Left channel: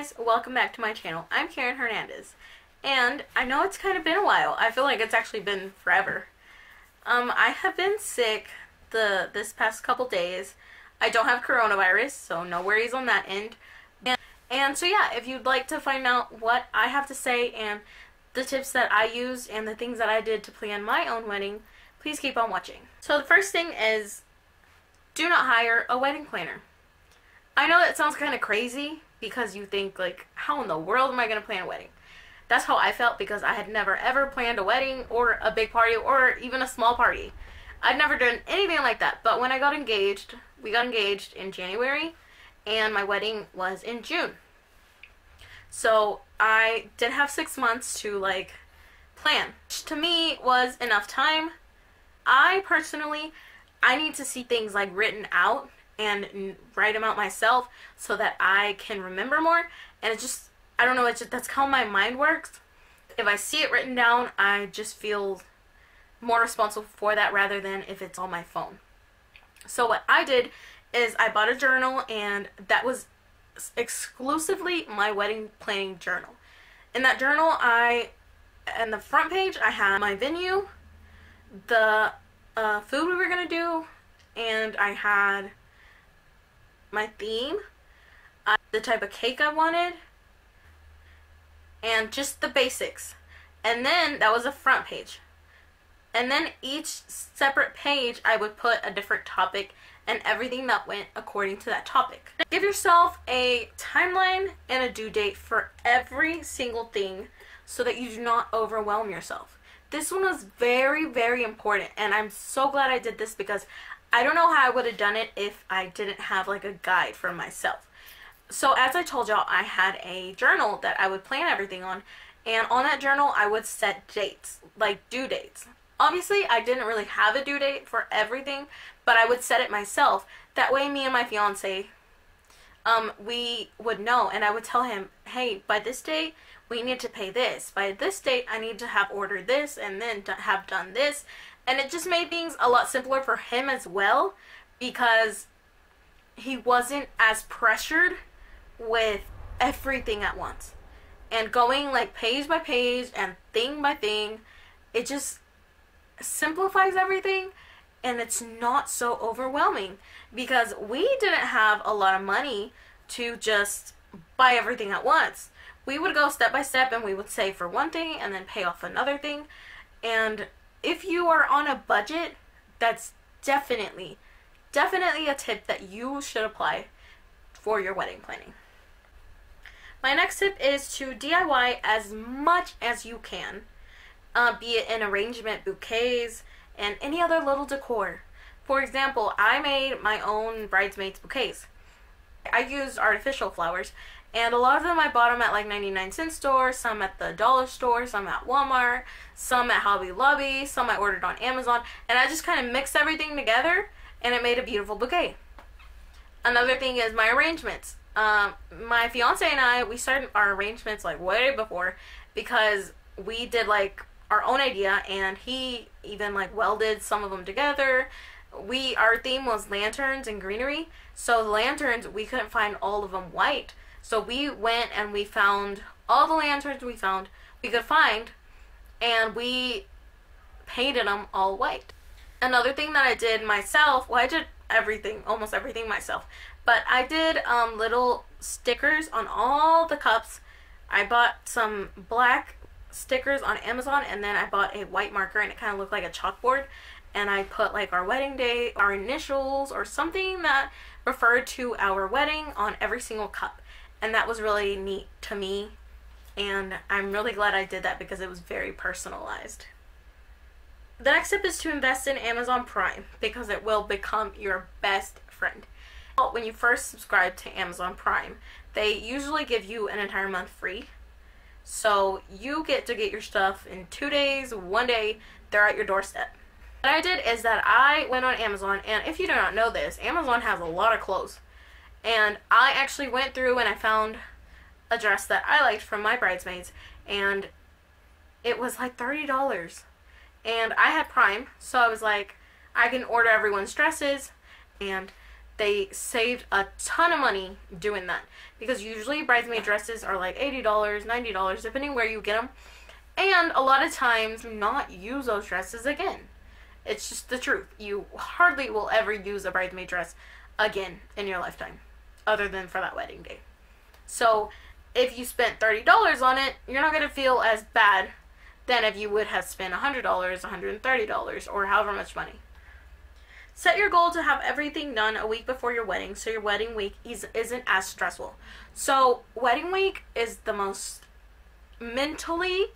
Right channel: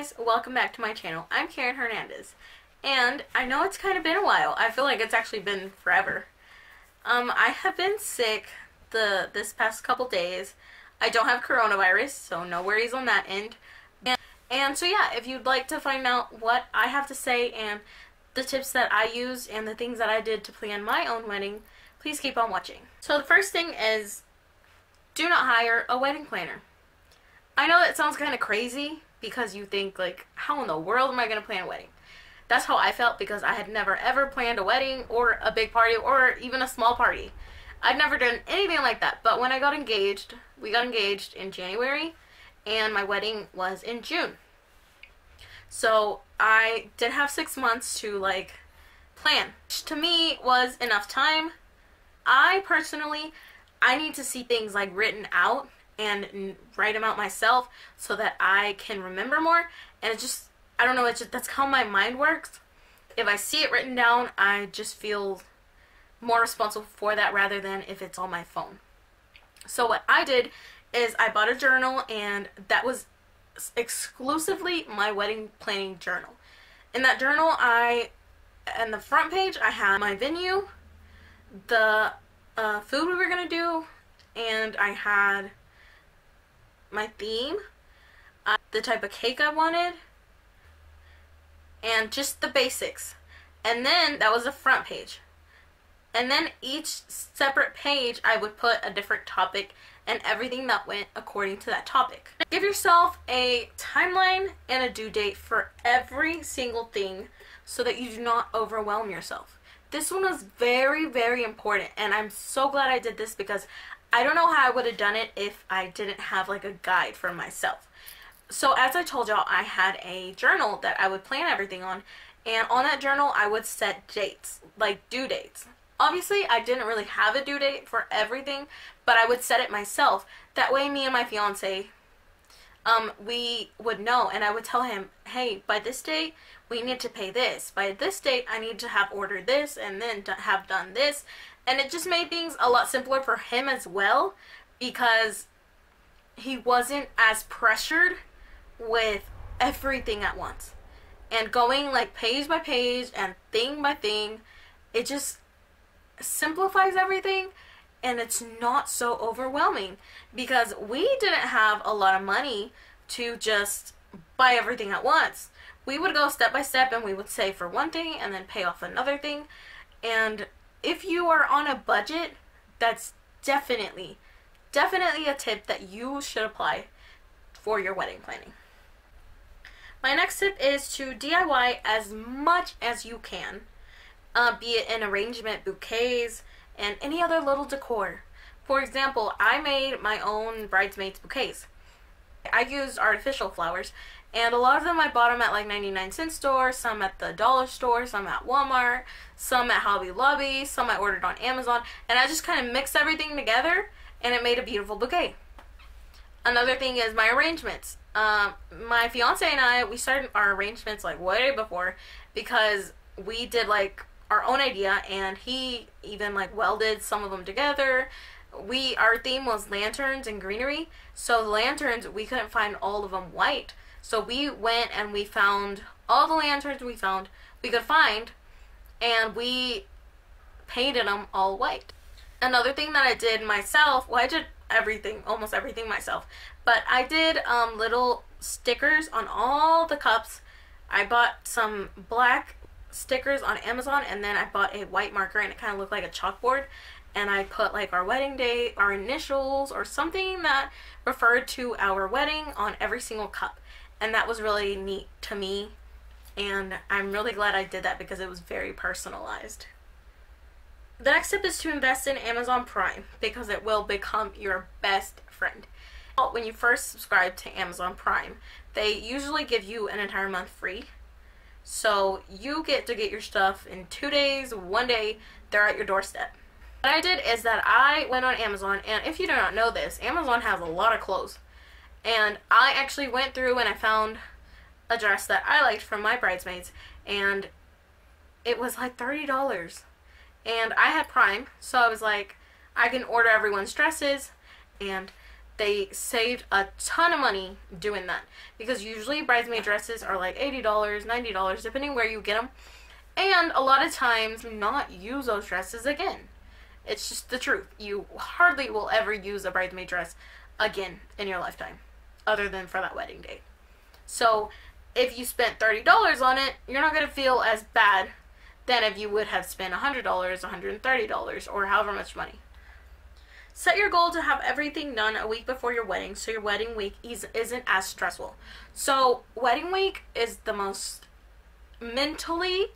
Guys, welcome back to my channel. I'm Caren Hernandez, and I know it's kind of been a while. I feel like it's actually been forever. I have been sick this past couple days. I don't have coronavirus, so no worries on that end. And so yeah, if you'd like to find out what I have to say and the tips that I use and the things that I did to plan my own wedding, please keep on watching. So the first thing is, do not hire a wedding planner. I know that sounds kind of crazy because you think, like, how in the world am I going to plan a wedding? That's how I felt because I had never ever planned a wedding or a big party or even a small party. I'd never done anything like that. But when I got engaged, we got engaged in January and my wedding was in June. So I did have 6 months to, like, plan, which to me was enough time. I need to see things, like, written out and write them out myself so that I can remember more. And I don't know, that's how my mind works. If I see it written down, I just feel more responsible for that rather than if it's on my phone. So what I did is I bought a journal, and that was exclusively my wedding planning journal. In that journal, in the front page, I had my venue, the food we were going to do, and I had my theme, the type of cake I wanted, and just the basics. And then that was the front page. And then each separate page I would put a different topic and everything that went according to that topic. Give yourself a timeline and a due date for every single thing so that you do not overwhelm yourself. This one is very, very important, and I'm so glad I did this because I don't know how I would have done it if I didn't have, like, a guide for myself. So as I told y'all, I had a journal that I would plan everything on, and on that journal I would set dates, like due dates. Obviously I didn't really have a due date for everything, but I would set it myself. That way me and my fiance, we would know, and I would tell him, hey, by this date we need to pay this. By this date I need to have ordered this and then to have done this. And it just made things a lot simpler for him as well because he wasn't as pressured with everything at once. And going, like, page by page and thing by thing, it just simplifies everything, and it's not so overwhelming because we didn't have a lot of money to just buy everything at once. We would go step by step, and we would save for one thing and then pay off another thing. And if you are on a budget, that's definitely a tip that you should apply for your wedding planning. My next tip is to DIY as much as you can, be it in arrangement, bouquets, and any other little decor. For example, I made my own bridesmaids bouquets. I used artificial flowers, and a lot of them I bought them at, like, 99-cent store, some at the dollar store, some at Walmart, some at Hobby Lobby, some I ordered on Amazon, and I just kind of mixed everything together, and it made a beautiful bouquet. Another thing is my arrangements. My fiance and I, we started our arrangements, like, way before, because we did, like, our own idea, and he even, like, welded some of them together. Our theme was lanterns and greenery, so the lanterns, we couldn't find all of them white. So we went and we found all the lanterns we could find, and we painted them all white. Another thing that I did myself, well, I did almost everything myself, but I did little stickers on all the cups. I bought some black stickers on Amazon, and then I bought a white marker, and it kind of looked like a chalkboard, and I put, like, our wedding date, our initials, or something that referred to our wedding on every single cup. And that was really neat to me, and I'm really glad I did that because it was very personalized. The next tip is to invest in Amazon Prime because it will become your best friend. When you first subscribe to Amazon Prime, they usually give you an entire month free. So you get to get your stuff in 2 days, 1 day, they're at your doorstep. What I did is that I went on Amazon, and if you do not know this, Amazon has a lot of clothes. And I actually went through and I found a dress that I liked from my bridesmaids, and it was like $30. And I had Prime, so I was like, I can order everyone's dresses, and they saved a ton of money doing that. Because usually bridesmaid dresses are like $80, $90, depending where you get them. And a lot of times not use those dresses again. It's just the truth. You hardly will ever use a bridesmaid dress again in your lifetime, other than for that wedding day. So if you spent $30 on it, you're not going to feel as bad than if you would have spent $100, $130, or however much money. Set your goal to have everything done a week before your wedding, so your wedding week isn't as stressful. So wedding week is the most mentally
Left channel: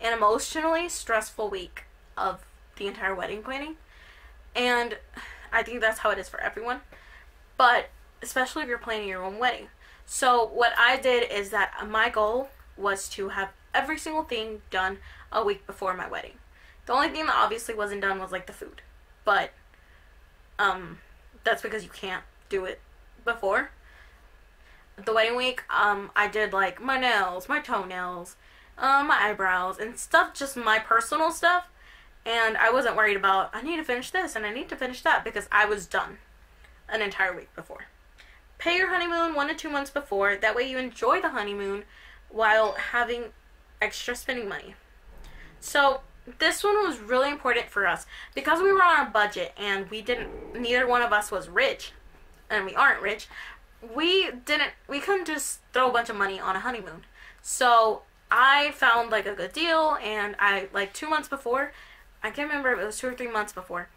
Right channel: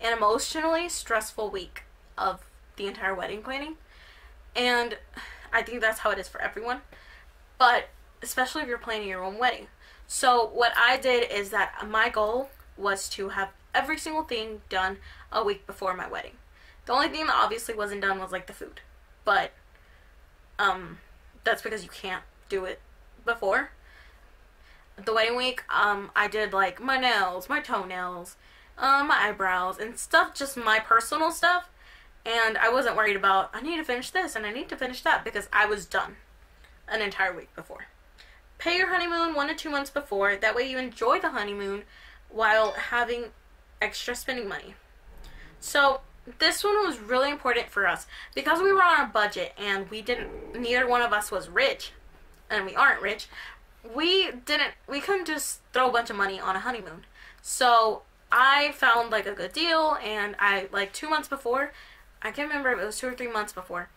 and emotionally stressful week of the entire wedding planning, and I think that's how it is for everyone, but especially if you're planning your own wedding. So what I did is that my goal was to have every single thing done a week before my wedding. The only thing that obviously wasn't done was like the food, but that's because you can't do it before the wedding week. I did like my nails, my toenails, my eyebrows and stuff, just my personal stuff. And I wasn't worried about, I need to finish this and I need to finish that, because I was done an entire week before. Pay your honeymoon 1 to 2 months before. That way you enjoy the honeymoon while having extra spending money. So this one was really important for us because we were on a budget and neither one of us was rich, and we aren't rich. We couldn't just throw a bunch of money on a honeymoon. So I found like a good deal, and like 2 months before, I can't remember if it was 2 or 3 months before,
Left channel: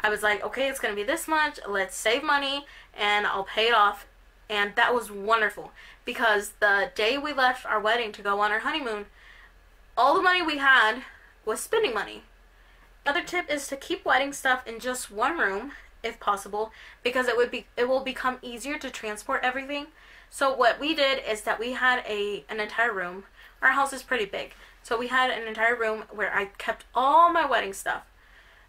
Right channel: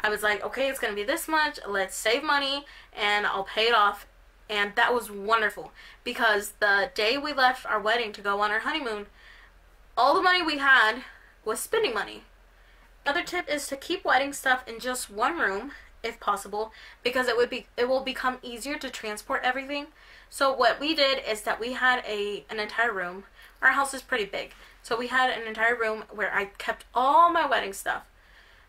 I was like, okay, it's going to be this much, let's save money, and I'll pay it off. And that was wonderful, because the day we left our wedding to go on our honeymoon, all the money we had was spending money. Another tip is to keep wedding stuff in just one room, if possible, because it will become easier to transport everything. So what we did is that we had an entire room. Our house is pretty big. So we had an entire room where I kept all my wedding stuff.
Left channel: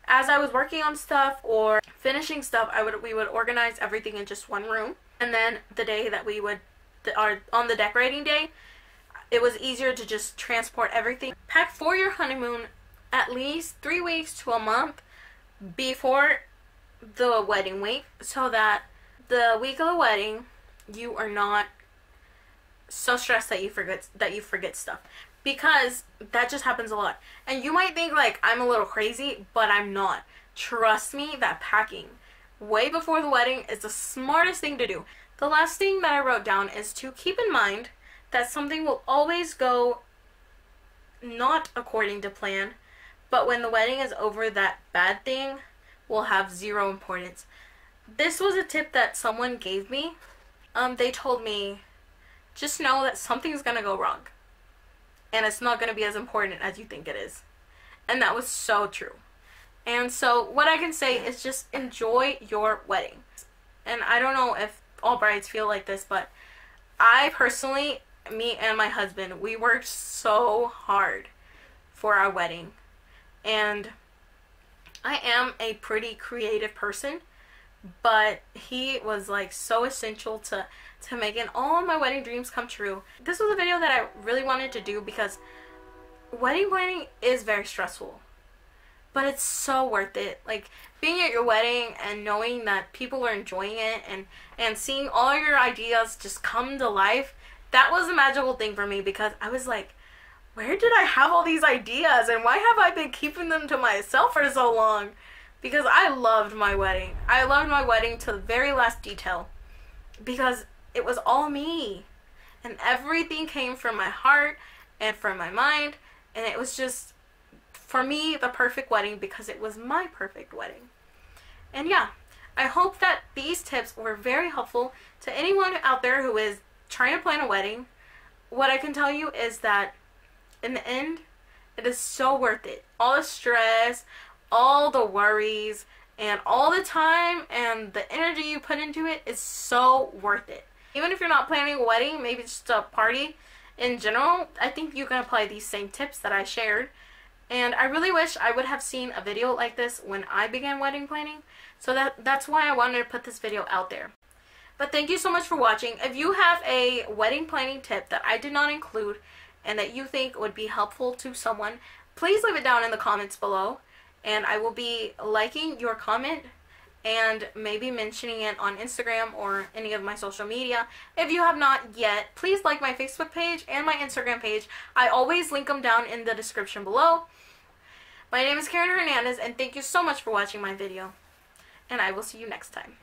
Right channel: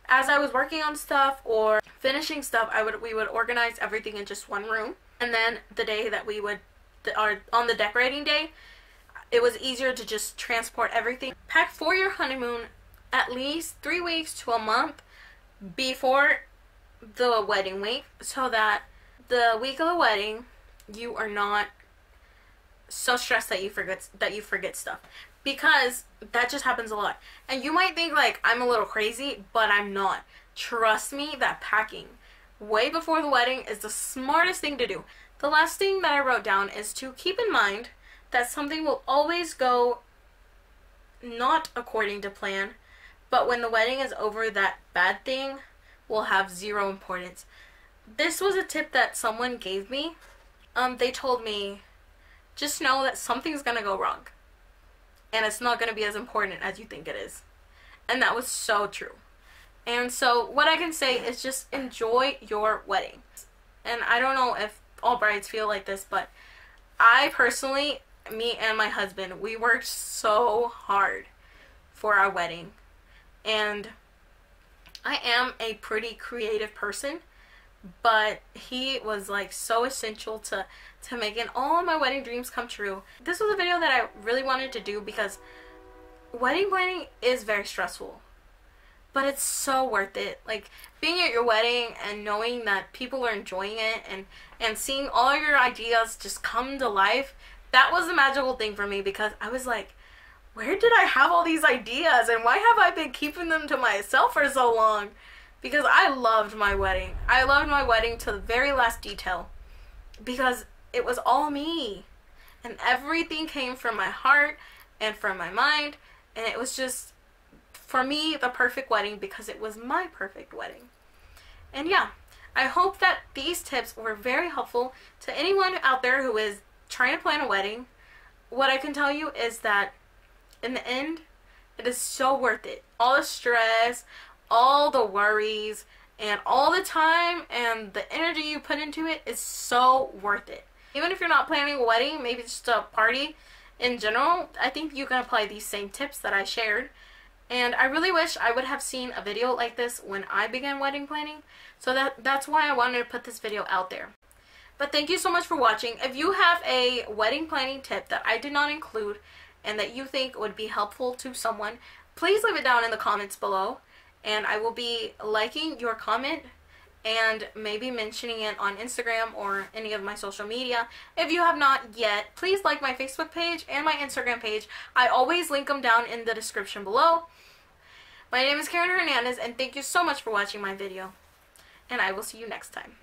As I was working on stuff or finishing stuff, we would organize everything in just one room. And then the day that on the decorating day, it was easier to just transport everything. Pack for your honeymoon at least 3 weeks to a month before the wedding week, so that the week of the wedding, you are not so stressed that you forget stuff. Because that just happens a lot. And you might think like I'm a little crazy, but I'm not. Trust me that packing way before the wedding is the smartest thing to do. The last thing that I wrote down is to keep in mind that something will always go not according to plan, but when the wedding is over, that bad thing will have zero importance. This was a tip that someone gave me. They told me, just know that something's gonna go wrong. And it's not going to be as important as you think it is. And that was so true. And so what I can say is just enjoy your wedding. And I don't know if all brides feel like this, but I personally, me and my husband, we worked so hard for our wedding. And I am a pretty creative person, but he was like so essential to making all my wedding dreams come true. This was a video that I really wanted to do because wedding planning is very stressful, but it's so worth it. Like being at your wedding and knowing that people are enjoying it and seeing all your ideas just come to life, that was a magical thing for me, because I was like, where did I have all these ideas and why have I been keeping them to myself for so long? Because I loved my wedding. I loved my wedding to the very last detail, because it was all me, and everything came from my heart and from my mind, and it was just, for me, the perfect wedding, because it was my perfect wedding. And yeah, I hope that these tips were very helpful to anyone out there who is trying to plan a wedding. What I can tell you is that in the end, it is so worth it. All the stress, all the worries, and all the time and the energy you put into it is so worth it. Even if you're not planning a wedding, maybe just a party in general, I think you can apply these same tips that I shared. And I really wish I would have seen a video like this when I began wedding planning. So that's why I wanted to put this video out there. But thank you so much for watching. If you have a wedding planning tip that I did not include and that you think would be helpful to someone, please leave it down in the comments below. And I will be liking your comment and maybe mentioning it on Instagram or any of my social media. If you have not yet, please like my Facebook page and my Instagram page. I always link them down in the description below. My name is Caren Hernandez, and thank you so much for watching my video. And I will see you next time.